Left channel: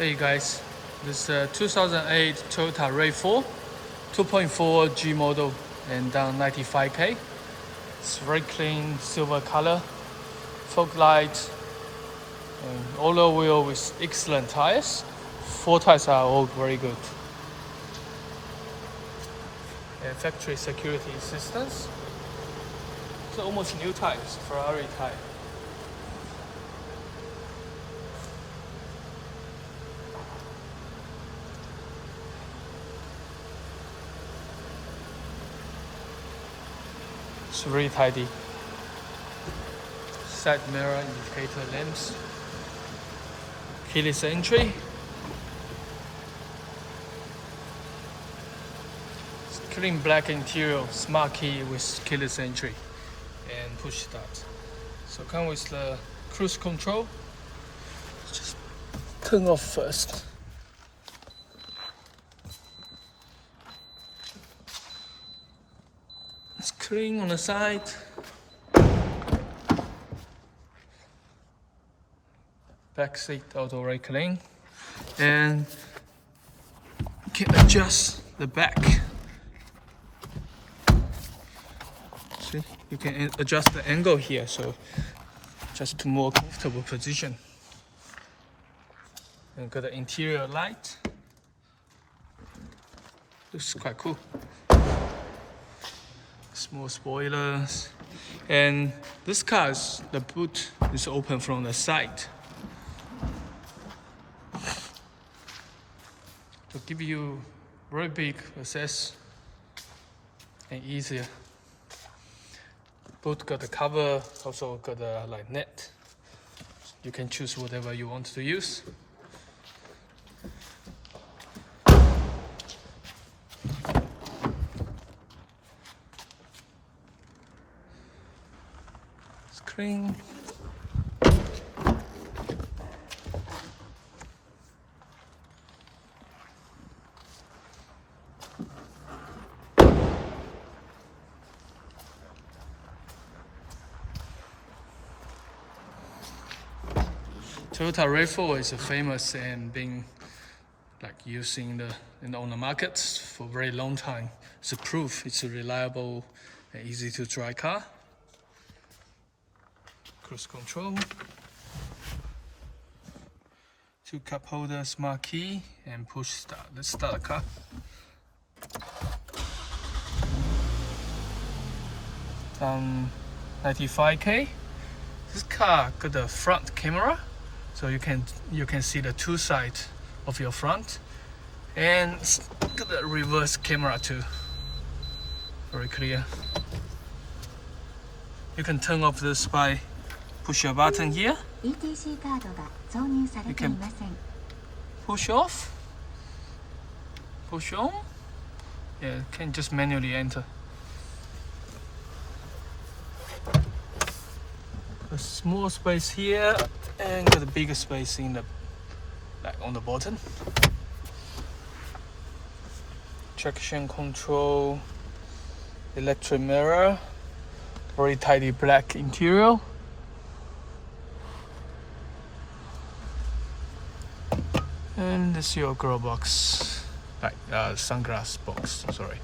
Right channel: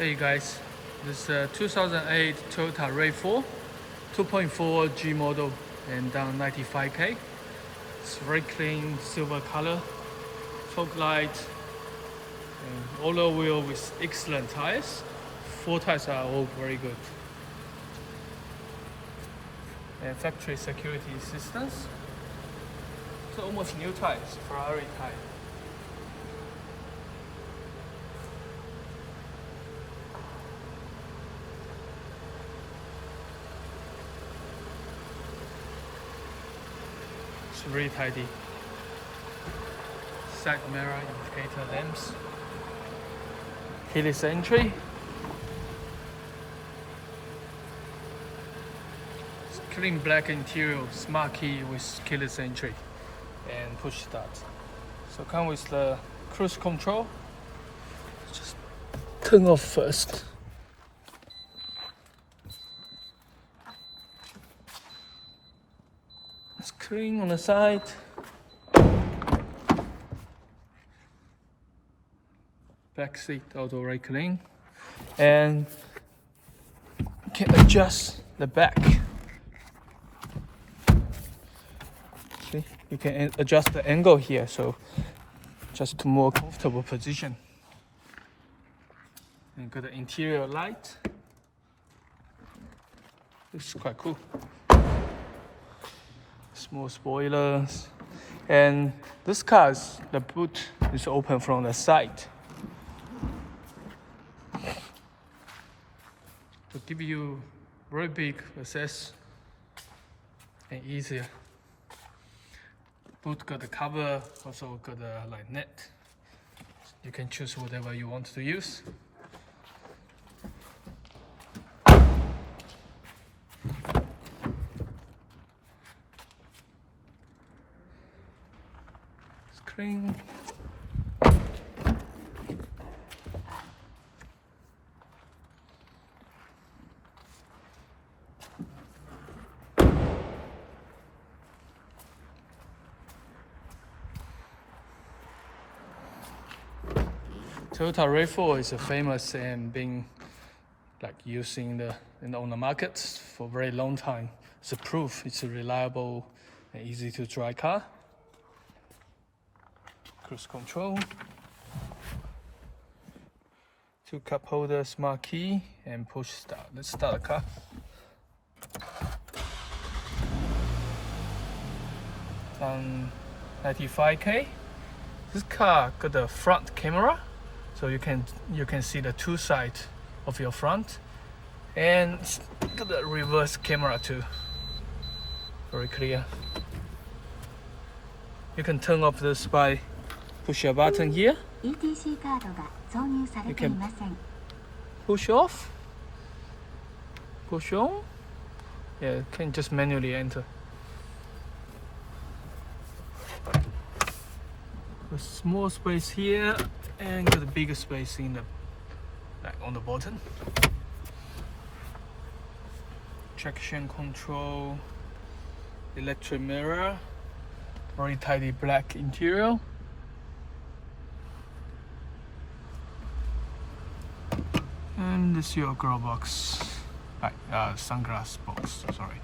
Hey guys, this is 2008 Toyota Rav4 2.4 G model and down 95k. It's very clean silver color, fog light, and all wheel with excellent tires. 4 tires are all very good. And factory security systems. So almost new tires, Ferrari tire. It's really tidy. Side mirror indicator lamps. Keyless entry. Clean black interior, smart key with keyless entry and push start. So come with the cruise control. Just turn off first. It's clean on the side. Back seat also very clean. And you can adjust the back. See, you can adjust the angle here, so just to more comfortable position. And got the interior light. Looks quite cool. Small spoilers, and this car's the boot is open from the side to give you very big access and easier. Boot got the cover, also got the like net. You can choose whatever you want to use. Screen. Toyota Rav4 is famous and being like using on the market for a very long time. It's a proof it's a reliable and easy to drive car. Cruise control, 2 cup holder, smart key, and push start. Let's start the car. Down 95k. This car got the front camera, so you can see the 2 sides of your front, and got the reverse camera too. Very clear. You can turn off this by push your button here. You can push off, push on. Yeah, you can just manually enter. A small space here and got a bigger space in the on the bottom. Traction control, electric mirror, very tidy black interior. And this is your glove box, sunglass box, sorry.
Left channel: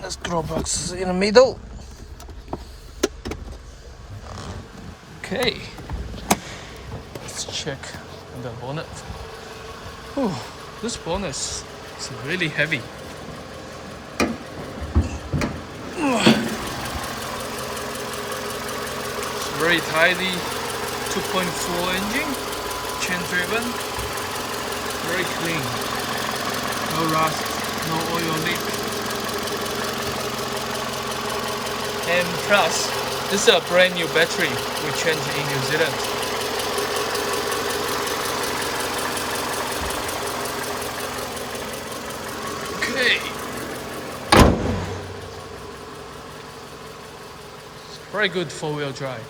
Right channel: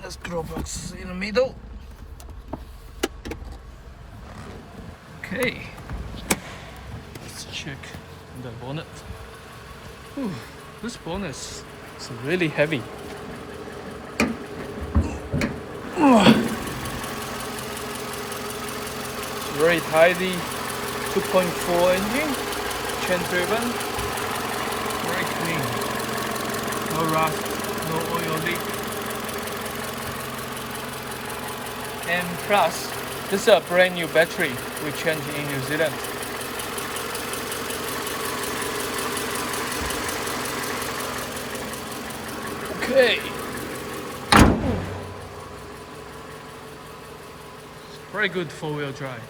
This glove box is in the middle. Okay, let's check the bonnet. Ooh, this bonnet is really heavy. Ooh. It's very tidy, 2.4 engine. Chain driven, very clean, no rust, no oil leak. And plus, this is a brand new battery we changed in New Zealand. Okay. Very good 4-wheel drive.